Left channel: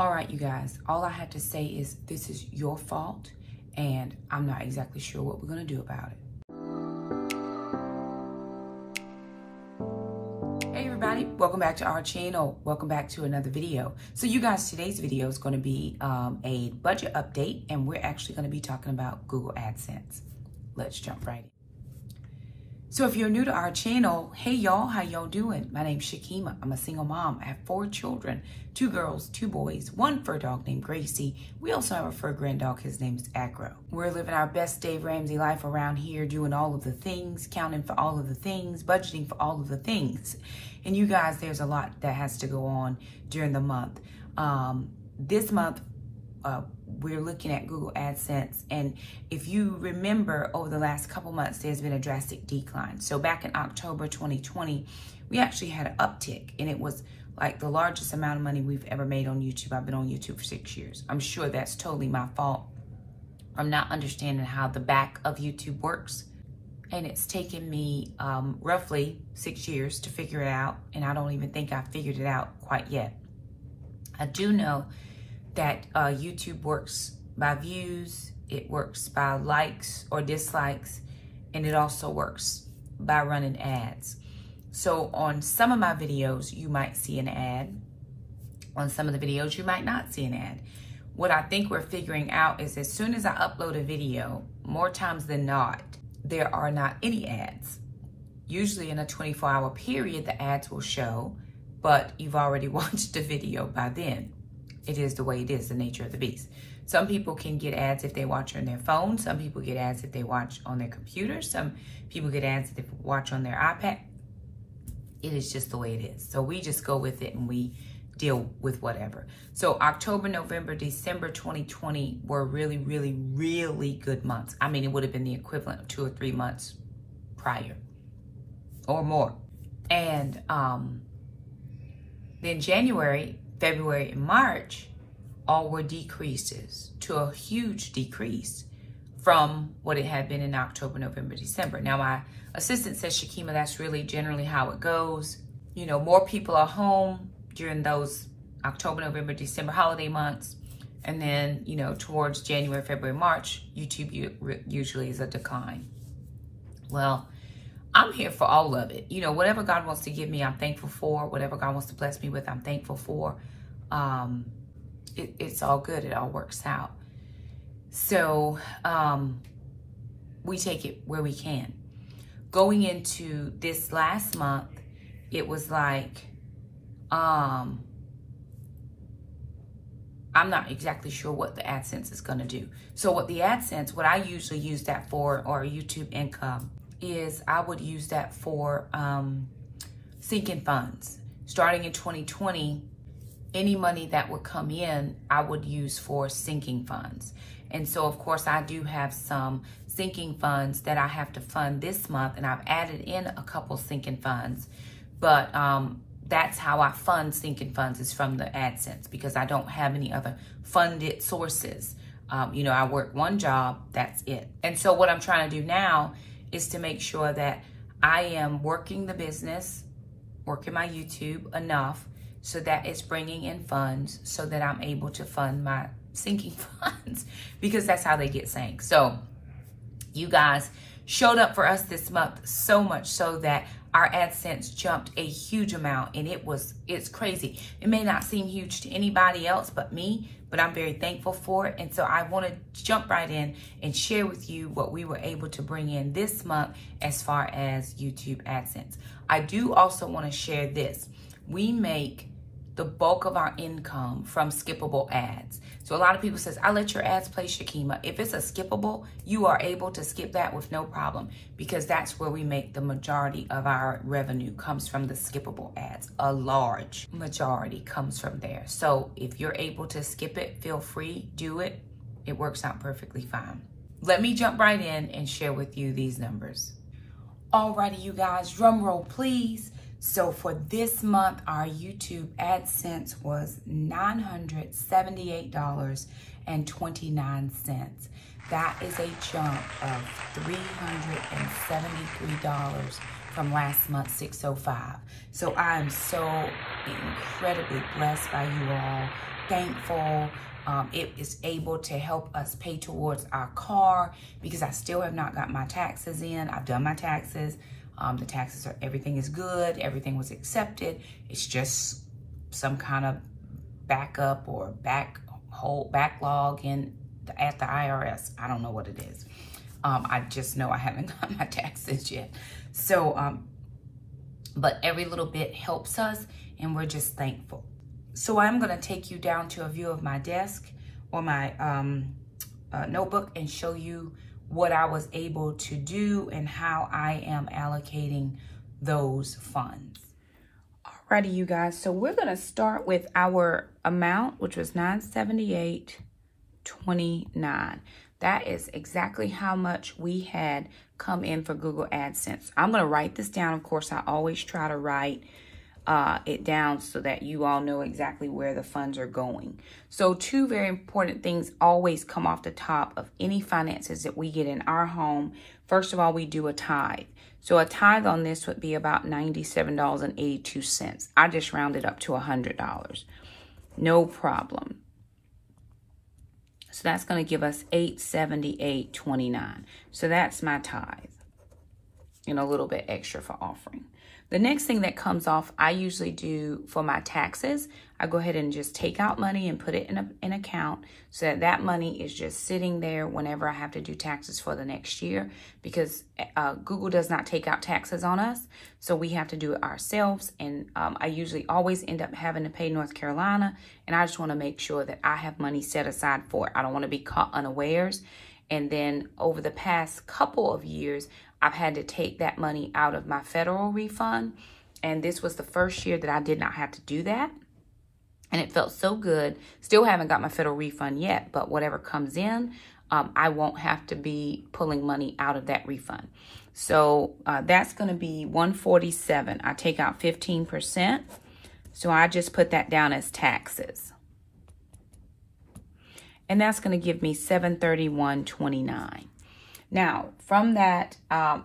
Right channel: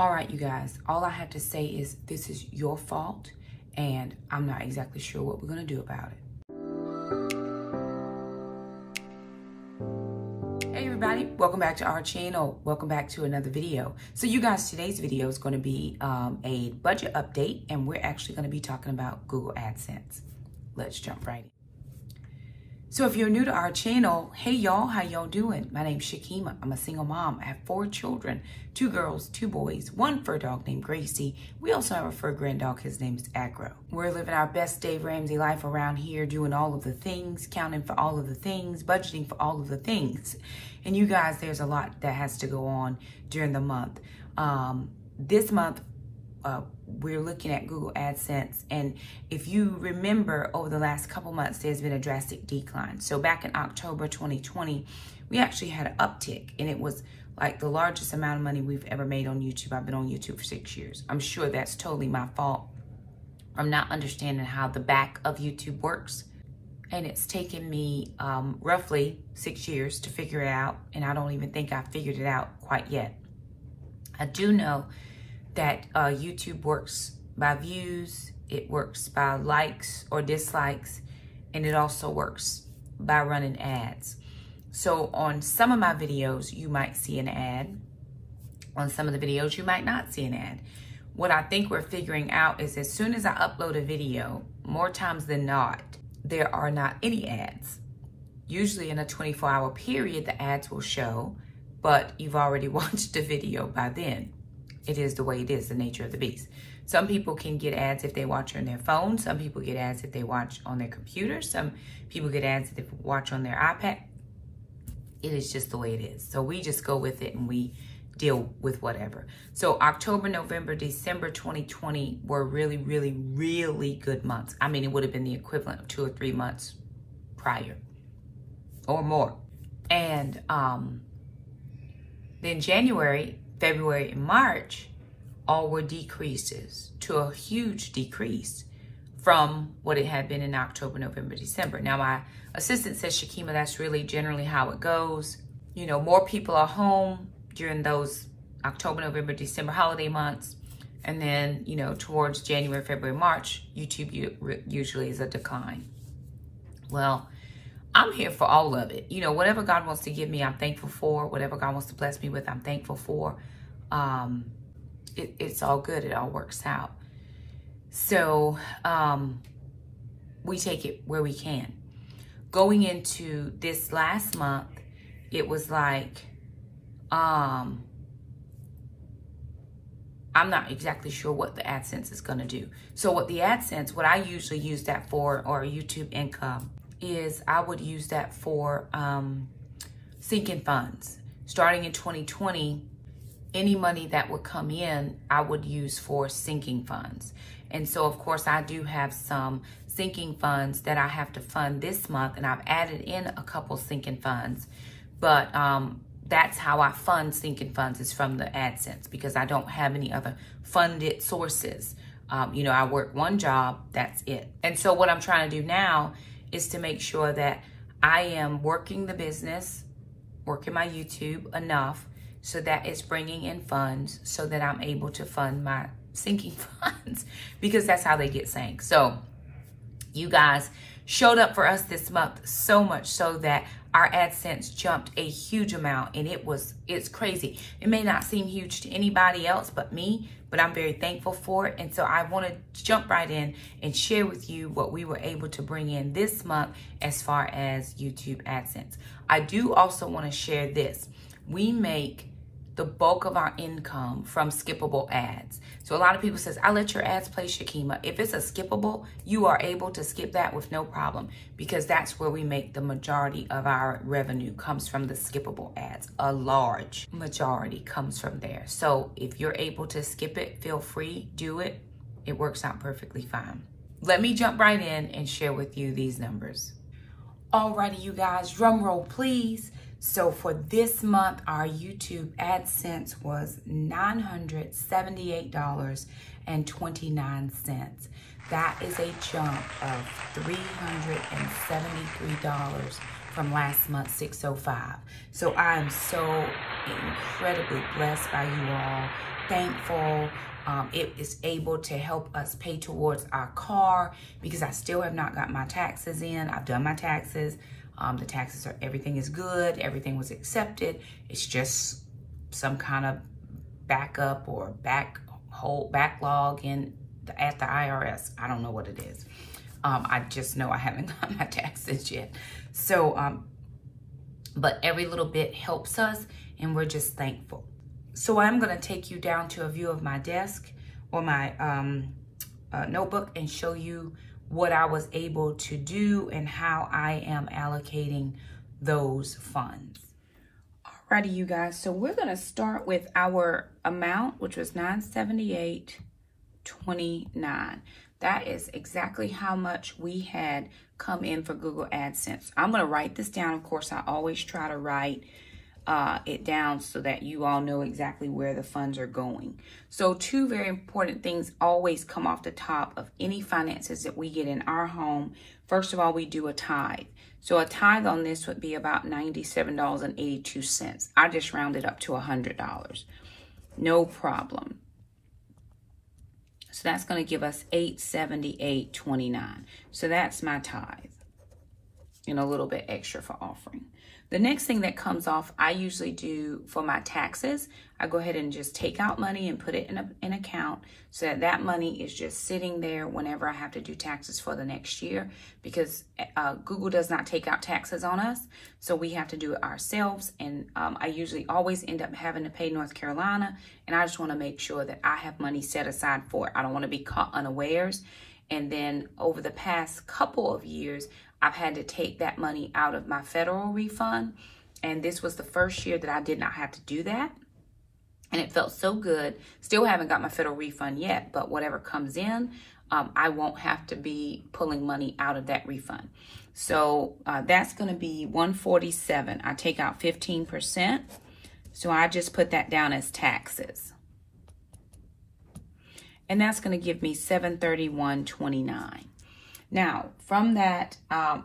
All right, you guys, all I have to say is this is your fault, and I'm not exactly sure what we're going to do about it. Hey everybody, welcome back to our channel. Welcome back to another video. So you guys, today's video is going to be a budget update, and we're actually going to be talking about Google AdSense. Let's jump right in. So if you're new to our channel, hey y'all, how y'all doing? My name's Shakema. I'm a single mom. I have 4 children, 2 girls, 2 boys, 1 fur dog named Gracie. We also have a fur grand dog. His name is Agro. We're living our best Dave Ramsey life around here, doing all of the things, counting for all of the things, budgeting for all of the things. And you guys, there's a lot that has to go on during the month. This month, we're looking at Google AdSense, and if you remember, over the last couple months there's been a drastic decline. So back in October 2020 we actually had an uptick, and it was like the largest amount of money we've ever made on YouTube. I've been on YouTube for 6 years. I'm sure that's totally my fault. I'm not understanding how the back of YouTube works, and it's taken me roughly 6 years to figure it out, and I don't even think I figured it out quite yet. I do know that YouTube works by views, it works by likes or dislikes, and it also works by running ads. So on some of my videos, you might see an ad. On some of the videos, you might not see an ad. What I think we're figuring out is as soon as I upload a video, more times than not, there are not any ads. Usually in a 24-hour period, the ads will show, but you've already watched the video by then. It is the way it is, the nature of the beast. Some people can get ads if they watch on their phone. Some people get ads if they watch on their computer. Some people get ads if they watch on their iPad. It is just the way it is. So we just go with it and we deal with whatever. So October, November, December 2020 were really, really, really good months. I mean, it would have been the equivalent of 2 or 3 months prior or more. And then January, February, and March all were decreases to a huge decrease from what it had been in October, November, December. Now, my assistant says, Shakema, that's really generally how it goes. You know, more people are home during those October, November, December holiday months. And then, you know, towards January, February, March, YouTube usually is a decline. Well, I'm here for all of it. You know, whatever God wants to give me, I'm thankful for. Whatever God wants to bless me with, I'm thankful for. It's all good. It all works out. So we take it where we can. Going into this last month, it was like, I'm not exactly sure what the AdSense is going to do. So what I usually use that for, or YouTube income, is I would use that for sinking funds. Starting in 2020, any money that would come in, I would use for sinking funds. And so, of course, I do have some sinking funds that I have to fund this month, and I've added in a couple sinking funds. But that's how I fund sinking funds, is from the AdSense, because I don't have any other funded sources. You know, I work one job, that's it. And so what I'm trying to do now is to make sure that I am working the business, working my YouTube enough so that it's bringing in funds so that I'm able to fund my sinking funds, because that's how they get sank. So you guys showed up for us this month, so much so that our AdSense jumped a huge amount, and it's crazy. It may not seem huge to anybody else but me, but I'm very thankful for it. And so I want to jump right in and share with you what we were able to bring in this month as far as YouTube AdSense. I do also want to share this. We make the bulk of our income from skippable ads. So a lot of people says, I let your ads play, Shakema. If it's a skippable, you are able to skip that with no problem, because that's where we make the majority of our revenue, comes from the skippable ads. A large majority comes from there. So if you're able to skip it, feel free, do it. It works out perfectly fine. Let me jump right in and share with you these numbers. Alrighty, you guys, drum roll, please. So for this month, our YouTube AdSense was $978.29. That is a jump of $373 from last month, $605. So I am so incredibly blessed by you all. thankful. It is able to help us pay towards our car because I still have not got my taxes in. I've done my taxes. The taxes are, everything is good. Everything was accepted. It's just some kind of backup or backlog at the IRS. I don't know what it is. I just know I haven't got my taxes yet. So, but every little bit helps us, and we're just thankful. So I'm going to take you down to a view of my desk or my notebook and show you what I was able to do and how I am allocating those funds. Alrighty, you guys. So we're going to start with our amount, which was $978.29. That is exactly how much we had come in for Google AdSense. I'm going to write this down. Of course, I always try to write it down so that you all know exactly where the funds are going. So two very important things always come off the top of any finances that we get in our home. First of all, we do a tithe. So a tithe on this would be about $97.82. I just rounded up to $100. No problem. So that's going to give us $878.29. So that's my tithe. And a little bit extra for offering. The next thing that comes off, I usually do for my taxes. I go ahead and just take out money and put it in an account so that that money is just sitting there whenever I have to do taxes for the next year, because Google does not take out taxes on us. So we have to do it ourselves. And I usually always end up having to pay North Carolina. And I just want to make sure that I have money set aside for it. I don't want to be caught unawares. And then over the past couple of years, I've had to take that money out of my federal refund. And this was the first year that I did not have to do that. And it felt so good. Still haven't got my federal refund yet, but whatever comes in, I won't have to be pulling money out of that refund. So that's going to be $147. I take out 15%. So I just put that down as taxes. And that's going to give me $731.29. Now, from that,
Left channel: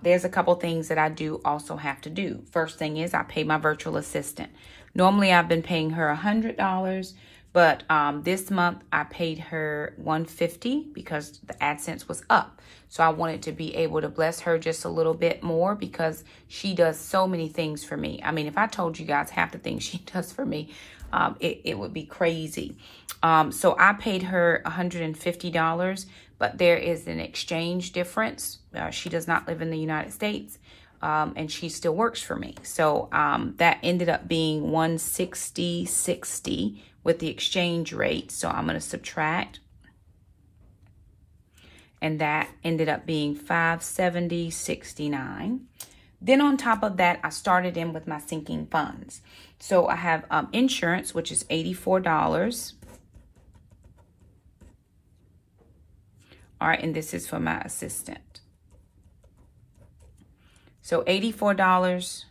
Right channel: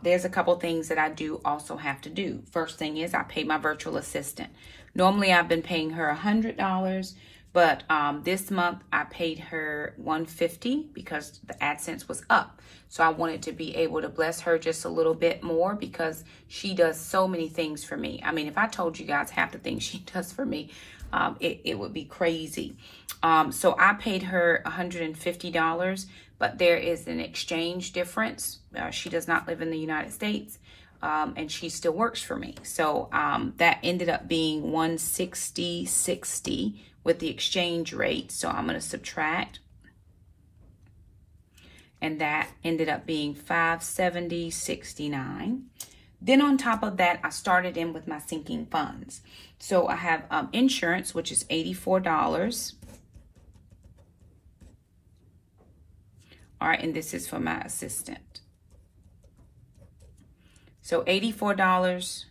there's a couple things that I do also have to do. First thing is I pay my virtual assistant. Normally, I've been paying her $100, but this month I paid her $150 because the AdSense was up. So I wanted to be able to bless her just a little bit more because she does so many things for me. I mean, if I told you guys half the things she does for me, it would be crazy. So I paid her $150. But there is an exchange difference. She does not live in the United States, and she still works for me. So that ended up being $160.60 with the exchange rate. So I'm going to subtract. And that ended up being $570.69. Then on top of that, I started in with my sinking funds. So I have insurance, which is $84. All right, and this is for my assistant. So $84,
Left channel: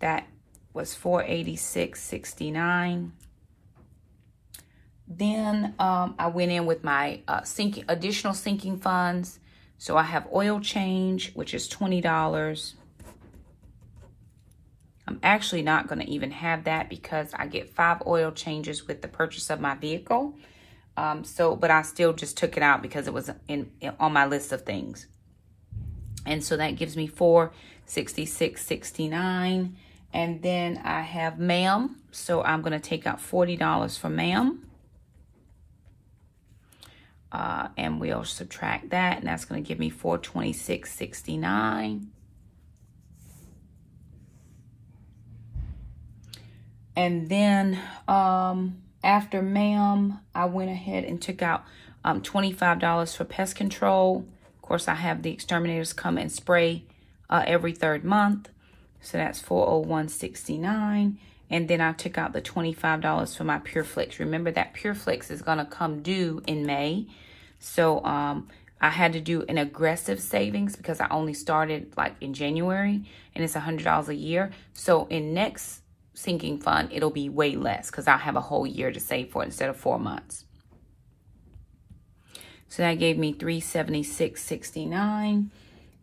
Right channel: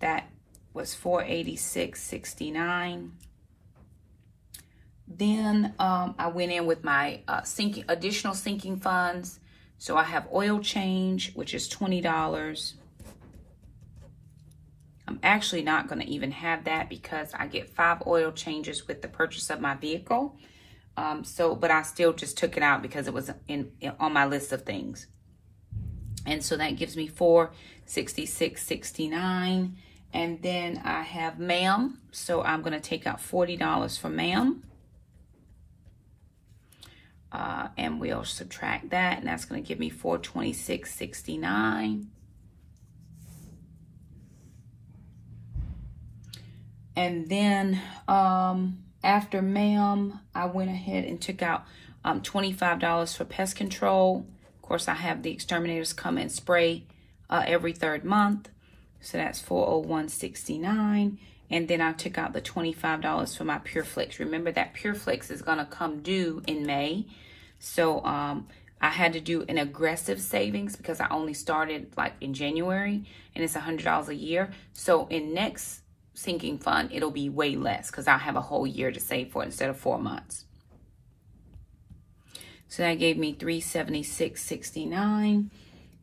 that was $486.69. Then I went in with my additional sinking funds. So I have oil change, which is $20. I'm actually not going to even have that because I get 5 oil changes with the purchase of my vehicle. But I still just took it out because it was on my list of things. And so that gives me $466.69. And then I have ma'am. So I'm going to take out $40 for ma'am. And we'll subtract that. And that's going to give me $426.69. And then after ma'am, I went ahead and took out $25 for pest control. Of course, I have the exterminators come and spray every 3rd month. So that's $401.69. And then I took out the $25 for my Pure Flix. Remember that Pure Flix is going to come due in May. So I had to do an aggressive savings because I only started like in January, and it's $100 a year. So in next sinking fund, it'll be way less because I'll have a whole year to save for it instead of 4 months. So that gave me $376.69.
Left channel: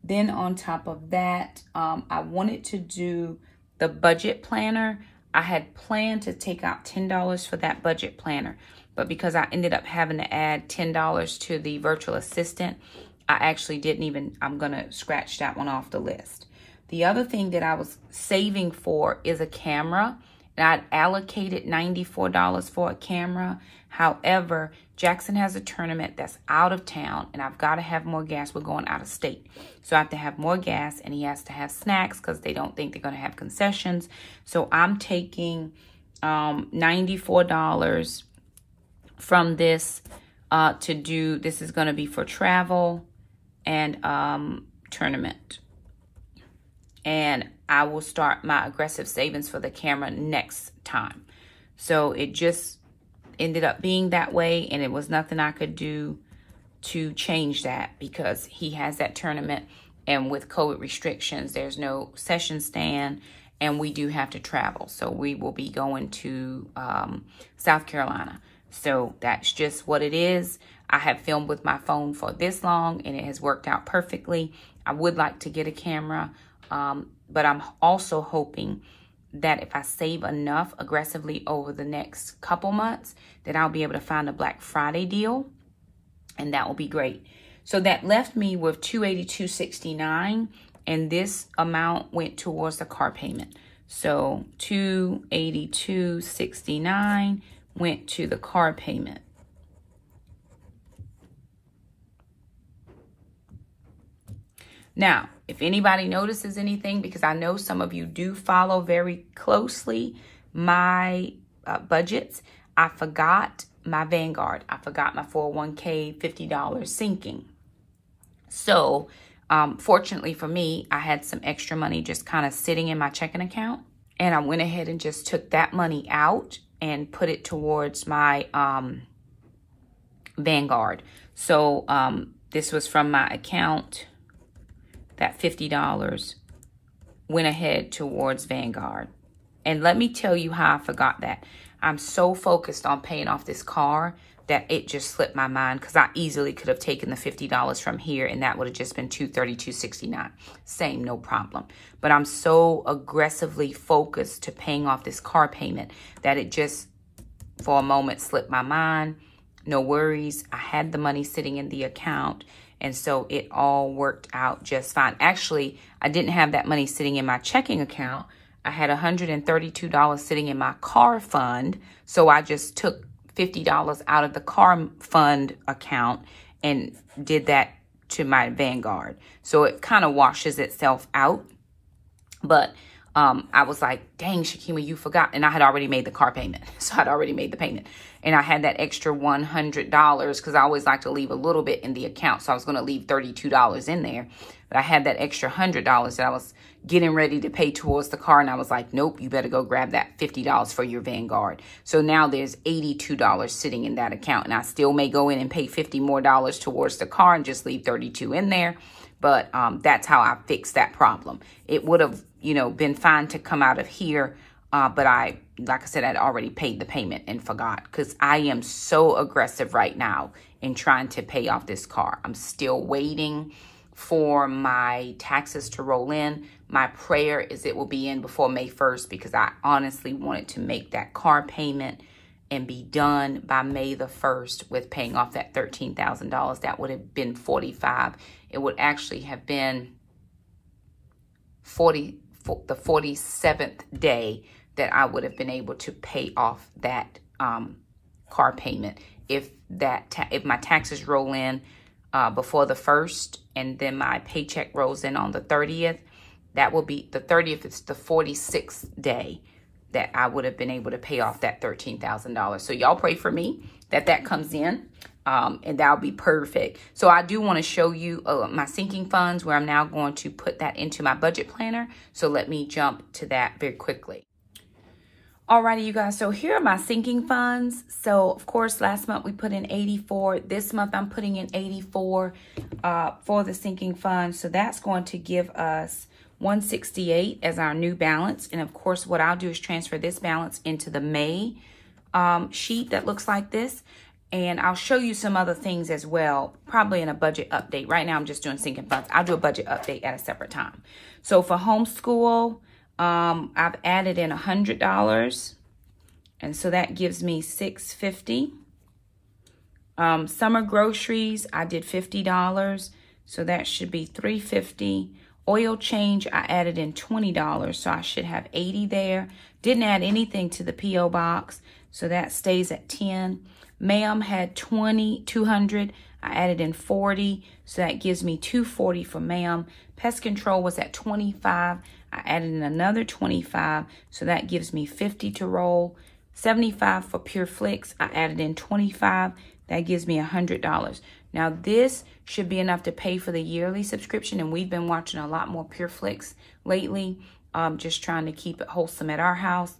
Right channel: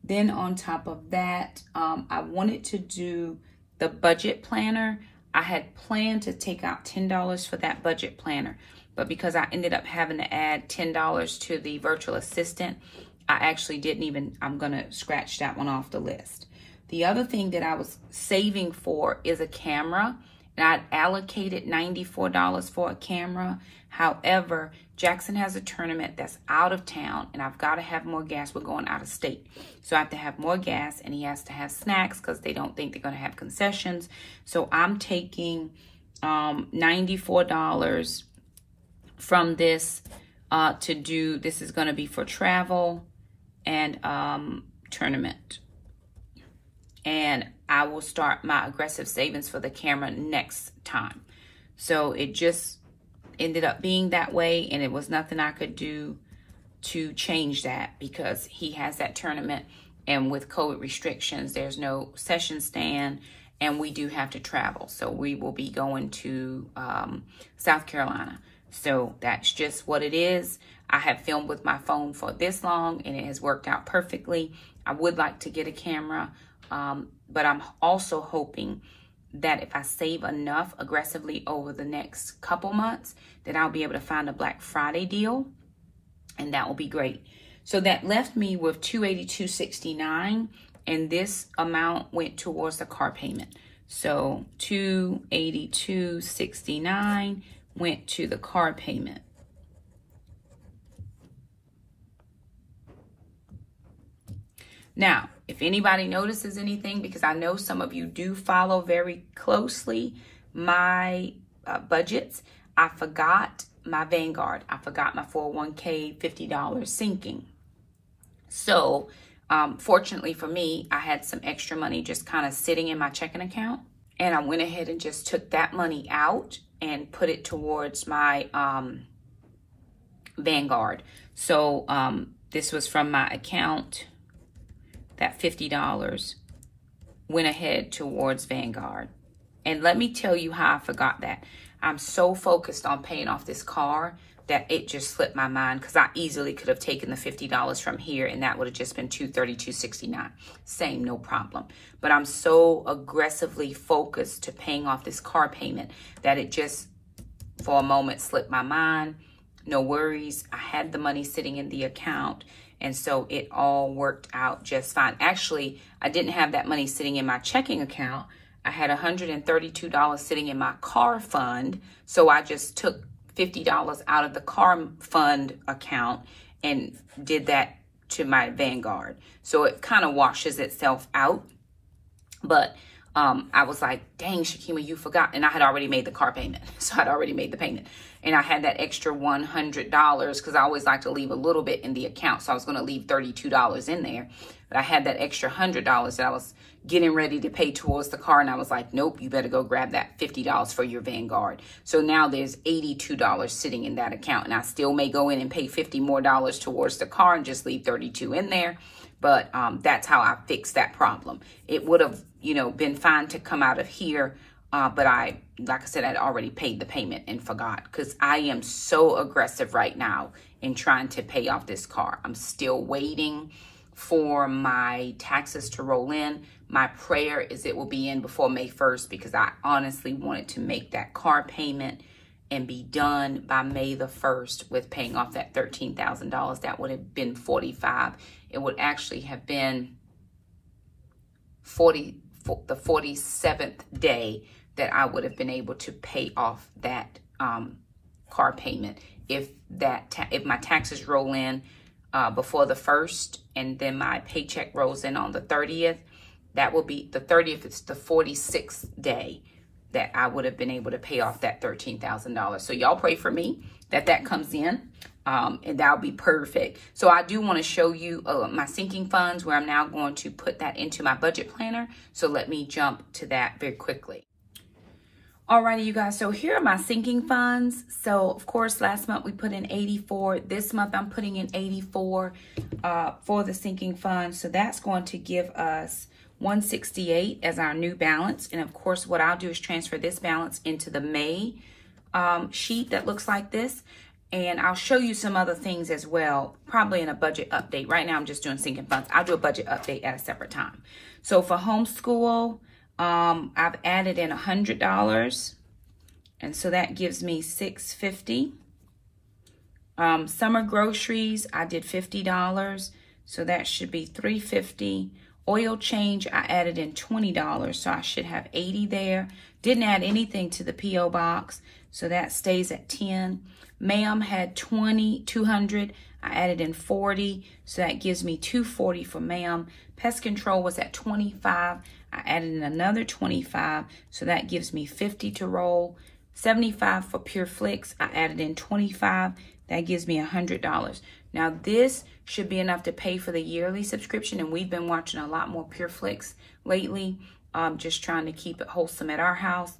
Then on top of that, I wanted to do the budget planner. I had planned to take out $10 for that budget planner, but because I ended up having to add $10 to the virtual assistant, I actually didn't even, I'm gonna scratch that one off the list. The other thing that I was saving for is a camera, and I allocated $94 for a camera. However, Jackson has a tournament that's out of town, and I've got to have more gas. We're going out of state. So I have to have more gas, and he has to have snacks because they don't think they're going to have concessions. So I'm taking $94 from this to do, this is going to be for travel and tournament. And I will start my aggressive savings for the camera next time. So it just ended up being that way, and it was nothing I could do to change that because he has that tournament, and with COVID restrictions, there's no session stand, and we do have to travel. So we will be going to South Carolina. So that's just what it is. I have filmed with my phone for this long, and it has worked out perfectly. I would like to get a camera, but I'm also hoping that if I save enough aggressively over the next couple months, that I'll be able to find a Black Friday deal, and that will be great. So that left me with $282.69, and this amount went towards the car payment. So $282.69 went to the car payment. Now, if anybody notices anything, because I know some of you do follow very closely my budgets, I forgot my Vanguard. I forgot my 401k $50 sinking. So fortunately for me, I had some extra money just kind of sitting in my checking account. And I went ahead and just took that money out and put it towards my Vanguard. So this was from my account. That $50 went ahead towards Vanguard. And let me tell you how I forgot that. I'm so focused on paying off this car that it just slipped my mind, because I easily could have taken the $50 from here and that would have just been $232.69. Same, no problem. But I'm so aggressively focused to paying off this car payment that it just, for a moment, slipped my mind. No worries. I had the money sitting in the account, and so it all worked out just fine. Actually, I didn't have that money sitting in my checking account. I had $132 sitting in my car fund. So I just took $50 out of the car fund account and did that to my Vanguard. So it kind of washes itself out. But I was like, dang, Shakema, you forgot. And I had already made the car payment. So I'd already made the payment. And I had that extra $100 because I always like to leave a little bit in the account. So I was going to leave $32 in there. But I had that extra $100 that I was getting ready to pay towards the car. And I was like, nope, you better go grab that $50 for your Vanguard. So now there's $82 sitting in that account. And I still may go in and pay $50 more towards the car and just leave $32 in there. But that's how I fixed that problem. It would have, you know, been fine to come out of here. But I, like I said, I'd already paid the payment and forgot, because I am so aggressive right now in trying to pay off this car. I'm still waiting for my taxes to roll in. My prayer is it will be in before May 1st, because I honestly wanted to make that car payment and be done by May the 1st with paying off that $13,000. That would have been $45,000. It would actually have been the 47th day that I would have been able to pay off that car payment. If my taxes roll in before the 1st, and then my paycheck rolls in on the 30th, that will be the 30th. It's the 46th day that I would have been able to pay off that $13,000. So y'all pray for me that comes in, and that'll be perfect. So I do want to show you my sinking funds, where I'm now going to put that into my budget planner. So let me jump to that very quickly. Alrighty, you guys, so here are my sinking funds. So of course, last month we put in 84. This month I'm putting in 84 for the sinking fund. So that's going to give us 168 as our new balance. And of course, what I'll do is transfer this balance into the May sheet that looks like this. And I'll show you some other things as well, probably in a budget update. Right now, I'm just doing sinking funds. I'll do a budget update at a separate time. So for homeschool, I've added in $100, and so that gives me $650. Summer groceries, I did $50, so that should be $350. Oil change, I added in $20, so I should have $80 there. Didn't add anything to the P.O. box, so that stays at $10. Ma'am had $200. I added in $40, so that gives me $240 for ma'am. Pest control was at $25. I added in another $25, so that gives me $50 to roll. $75 for Pure Flix. I added in $25. That gives me $100. Now this should be enough to pay for the yearly subscription, and we've been watching a lot more Pure Flix lately. Just trying to keep it wholesome at our house.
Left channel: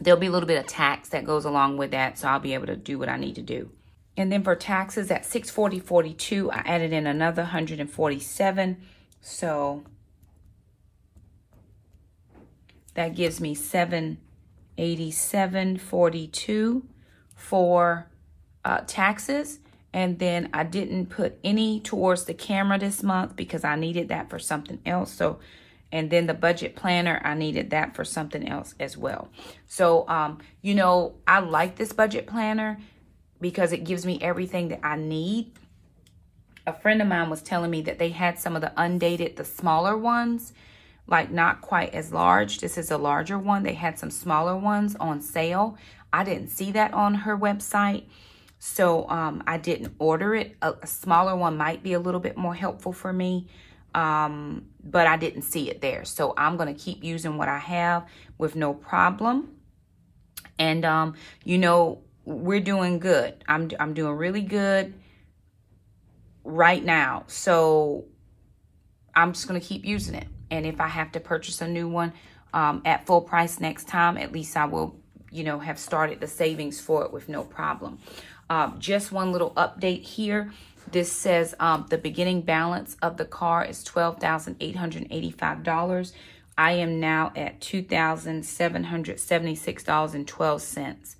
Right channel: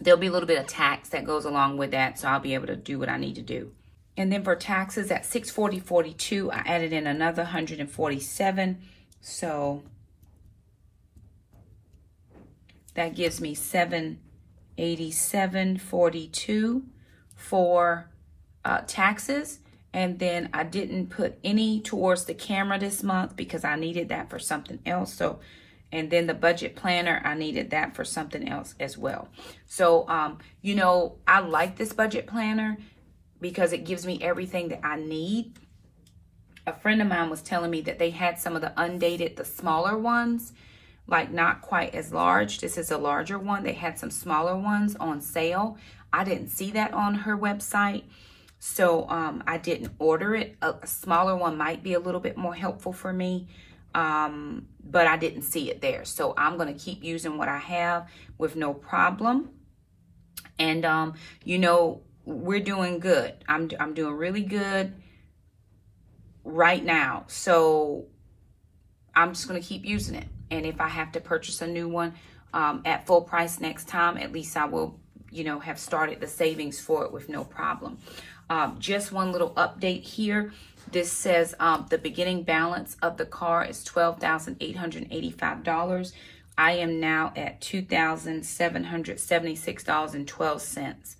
There'll be a little bit of tax that goes along with that, so I'll be able to do what I need to do. And then for taxes at $640.42, I added in another $147. So that gives me $787.42 for taxes. And then I didn't put any towards the camera this month because I needed that for something else. So, and then the budget planner, I needed that for something else as well. So, you know, I like this budget planner because it gives me everything that I need. A friend of mine was telling me that they had some of the undated, the smaller ones, like not quite as large. This is a larger one. They had some smaller ones on sale. I didn't see that on her website, so I didn't order it. A smaller one might be a little bit more helpful for me, but I didn't see it there. So I'm going to keep using what I have with no problem. And, you know, we're doing good. I'm doing really good right now. So I'm just going to keep using it. And if I have to purchase a new one at full price next time, at least I will, you know, have started the savings for it with no problem. Just one little update here. This says the beginning balance of the car is $12,885. I am now at $2,776.12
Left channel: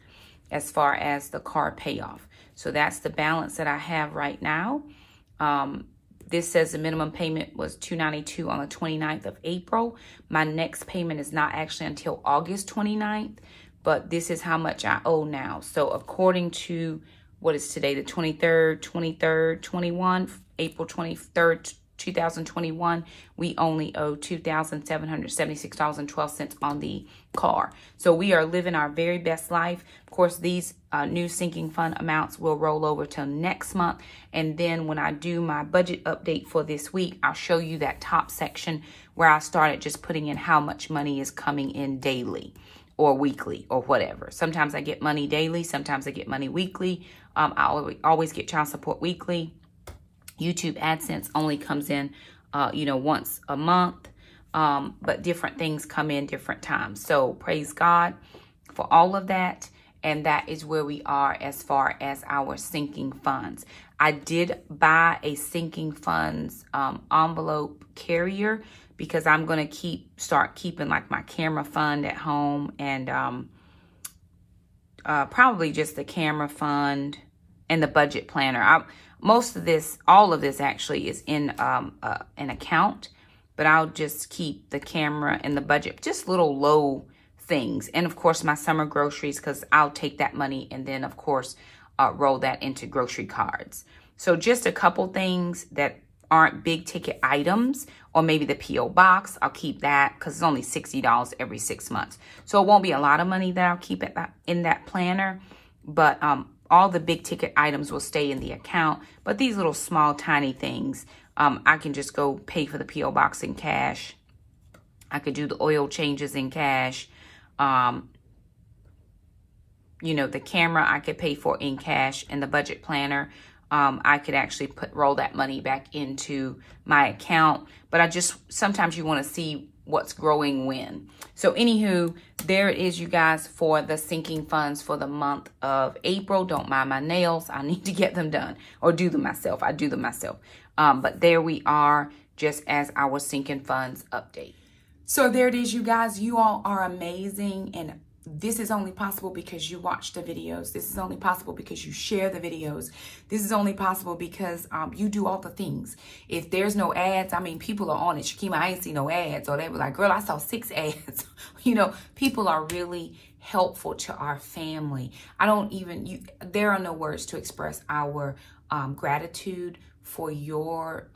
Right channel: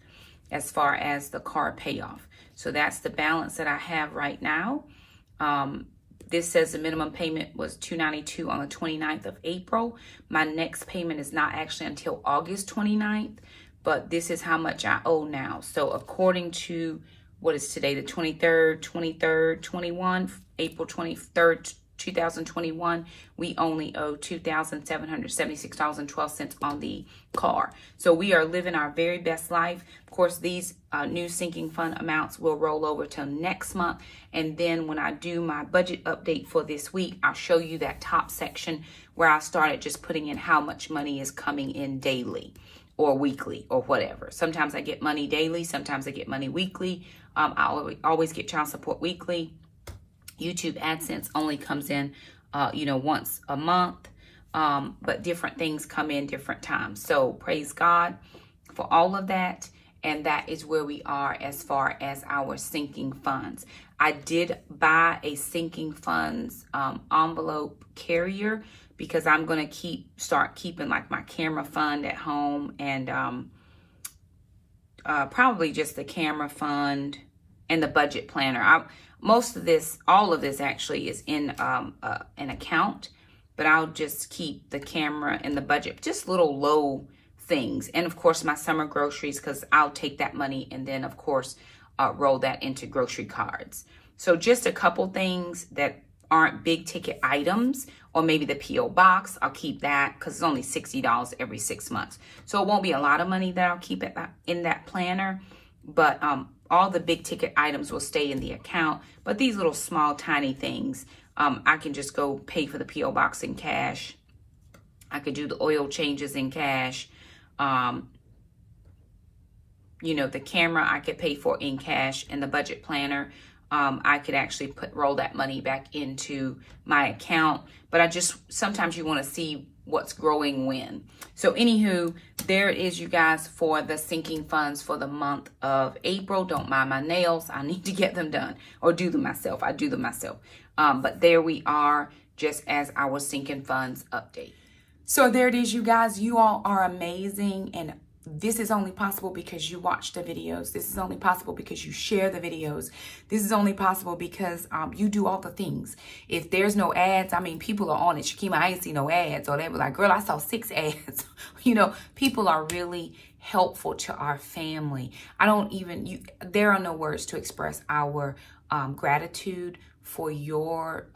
as far as the car payoff. So that's the balance that I have right now. This says the minimum payment was $292 on the 29th of April. My next payment is not actually until August 29th, but this is how much I owe now. So according to, what is today, the 23rd, 21, April 23rd, 2021, we only owe $2,776.12 on the car. So we are living our very best life. Of course, these new sinking fund amounts will roll over till next month. And then when I do my budget update for this week, I'll show you that top section where I started just putting in how much money is coming in daily or weekly or whatever. Sometimes I get money daily. Sometimes I get money weekly. I always get child support weekly. YouTube AdSense only comes in, you know, once a month, but different things come in different times. So praise God for all of that. And that is where we are as far as our sinking funds. I did buy a sinking funds envelope carrier because I'm going to start keeping like my camera fund at home, and probably just the camera fund and the budget planner. Most of this, all of this actually is in an account, but I'll just keep the camera and the budget, just little low things. And of course my summer groceries, because I'll take that money and then of course roll that into grocery cards. So just a couple things that aren't big ticket items, or maybe the P.O. box, I'll keep that because it's only $60 every 6 months. So it won't be a lot of money that I'll keep it in that planner, but all the big ticket items will stay in the account. But these little small tiny things, I can just go pay for the P.O. box in cash. I could do the oil changes in cash. You know, the camera I could pay for in cash, and the budget planner, I could actually roll that money back into my account. But sometimes you want to see what's growing when. So anywho, there it is, you guys, for the sinking funds for the month of April. Don't mind my nails. I need to get them done, or do them myself. I do them myself. But there we are, just as our sinking funds update. So there it is, you guys. You all are amazing, and this is only possible because you watch the videos. This is only possible because you share the videos. This is only possible because you do all the things. If there's no ads, I mean, people are on it. Shakema, I ain't see no ads. Or they were like, girl, I saw 6 ads. You know, people are really helpful to our family. There are no words to express our gratitude for your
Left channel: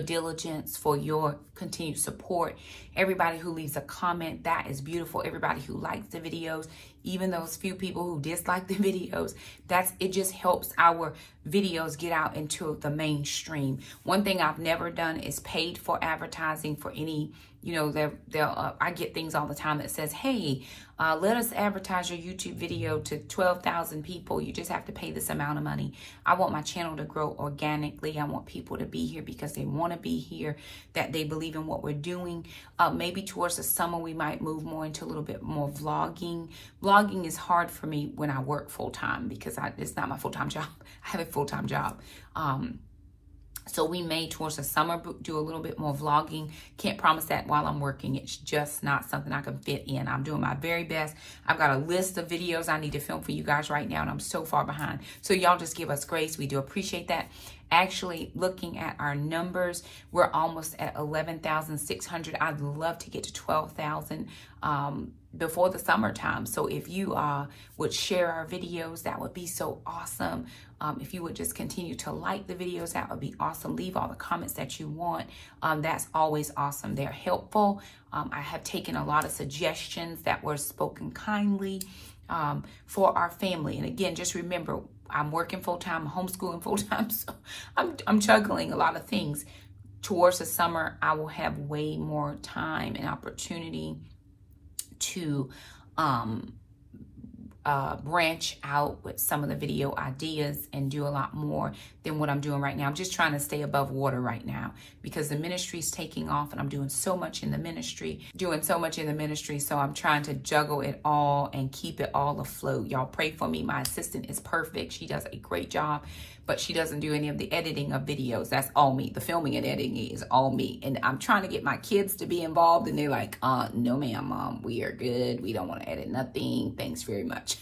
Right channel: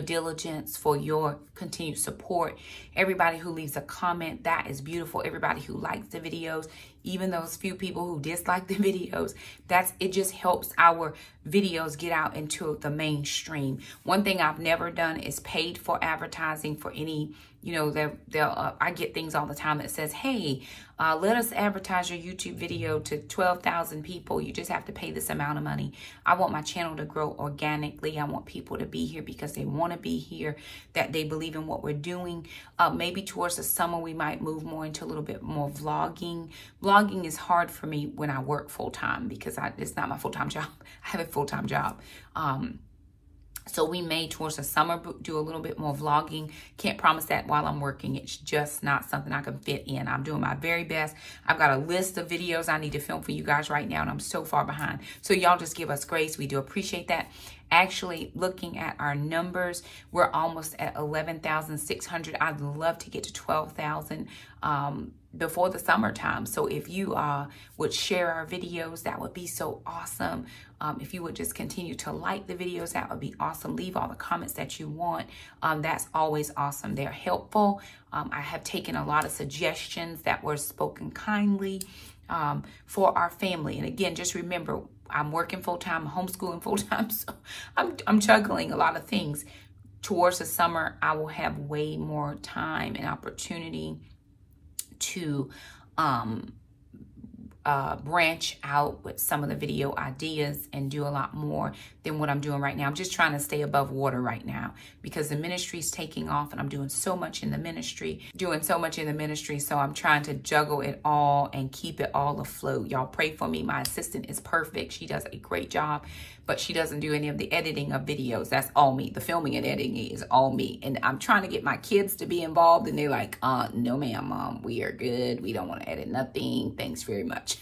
diligence, for your continued support. Everybody who leaves a comment, that is beautiful. Everybody who likes the videos, even those few people who dislike the videos, it just helps our videos get out into the mainstream. One thing I've never done is paid for advertising for any, you know, I get things all the time that says, hey, let us advertise your YouTube video to 12,000 people. You just have to pay this amount of money. I want my channel to grow organically. I want people to be here because they want to be here, that they believe in what we're doing. Maybe towards the summer, we might move more into a little bit more vlogging. Vlogging is hard for me when I work full-time because it's not my full-time job. I have a full-time job. So we may, towards the summer, do a little bit more vlogging. Can't promise that while I'm working. It's just not something I can fit in. I'm doing my very best. I've got a list of videos I need to film for you guys right now, and I'm so far behind. So y'all just give us grace. We do appreciate that. Actually, looking at our numbers, we're almost at 11,600. I'd love to get to 12,000 before the summertime. So if you would share our videos, that would be so awesome. If you would just continue to like the videos, that would be awesome. Leave all the comments that you want. That's always awesome. They're helpful. I have taken a lot of suggestions that were spoken kindly for our family. And again, just remember, I'm working full-time, homeschooling full-time, so I'm juggling a lot of things. Towards the summer, I will have way more time and opportunity to branch out with some of the video ideas and do a lot more than what I'm doing right now. I'm just trying to stay above water right now because the ministry is taking off and I'm doing so much in the ministry, so I'm trying to juggle it all and keep it all afloat. Y'all pray for me. My assistant is perfect. She does a great job, but she doesn't do any of the editing of videos. That's all me. The filming and editing is all me. And I'm trying to get my kids to be involved, and they're like, no ma'am, mom, we are good. We don't want to edit nothing. Thanks very much.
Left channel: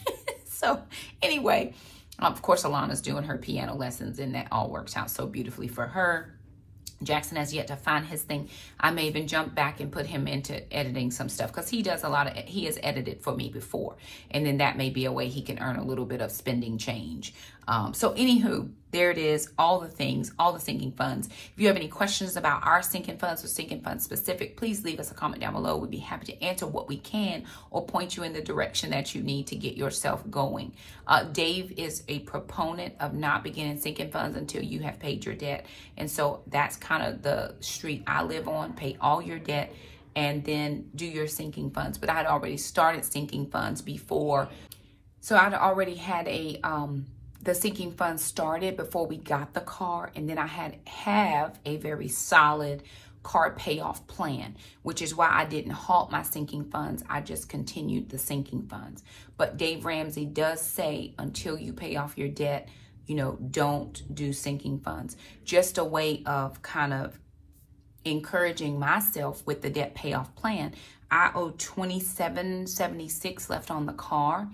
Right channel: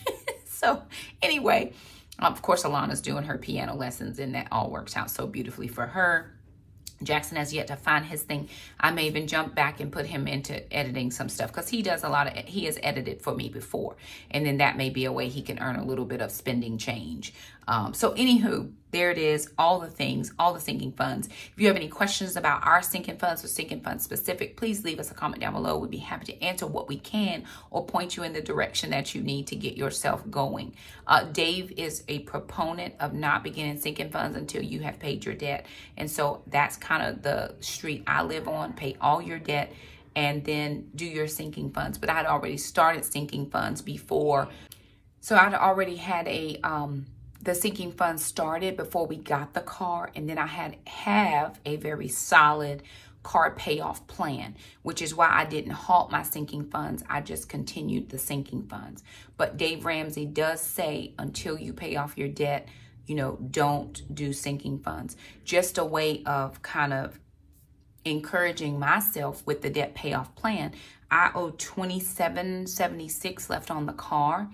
So anyway, of course, Alana's doing her piano lessons, and that all works out so beautifully for her. Jackson has yet to find his thing. I may even jump back and put him into editing some stuff because he does a lot of, he has edited for me before. And then that may be a way he can earn a little bit of spending change. So anywho, there it is, all the things, all the sinking funds. If you have any questions about our sinking funds or sinking funds specific, please leave us a comment down below. We'd be happy to answer what we can or point you in the direction that you need to get yourself going. Dave is a proponent of not beginning sinking funds until you have paid your debt. And so that's kind of the street I live on. Pay all your debt and then do your sinking funds. But I'd already started sinking funds before. So I'd already had the sinking fund started before we got the car, and then I have a very solid car payoff plan, which is why I didn't halt my sinking funds. I just continued the sinking funds. But Dave Ramsey does say until you pay off your debt, you know, don't do sinking funds. Just a way of kind of encouraging myself with the debt payoff plan. I owe $27.76 left on the car.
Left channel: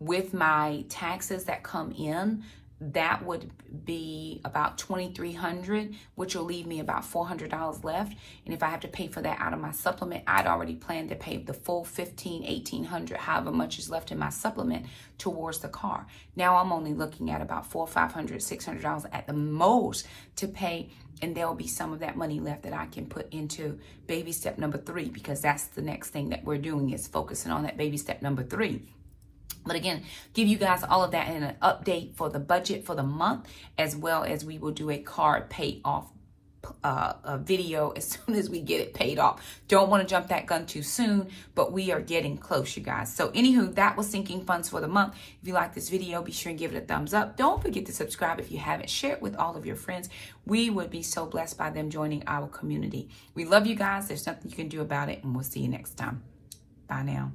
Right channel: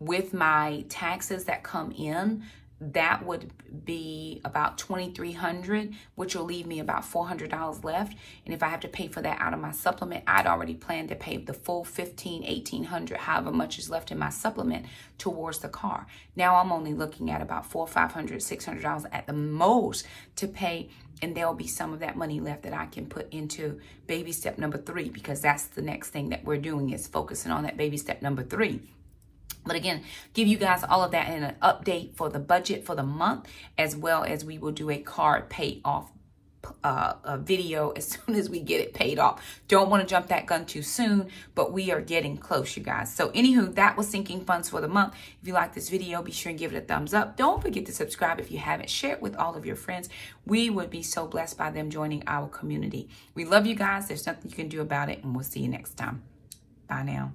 With my taxes that come in, that would be about $2,300, which will leave me about $400 left. And if I have to pay for that out of my supplement, I'd already planned to pay the full $1,500, $1,800, however much is left in my supplement towards the car. Now I'm only looking at about $400, $500, $600 at the most to pay, and there'll be some of that money left that I can put into baby step number 3, because that's the next thing that we're doing, is focusing on that baby step number 3. But again, give you guys all of that in an update for the budget for the month, as well as we will do a card pay off a video as soon as we get it paid off. Don't want to jump that gun too soon, but we are getting close, you guys. So anywho, that was sinking funds for the month. If you like this video, be sure and give it a thumbs up. Don't forget to subscribe if you haven't. Share it with all of your friends. We would be so blessed by them joining our community. We love you guys. There's nothing you can do about it, and we'll see you next time. Bye now.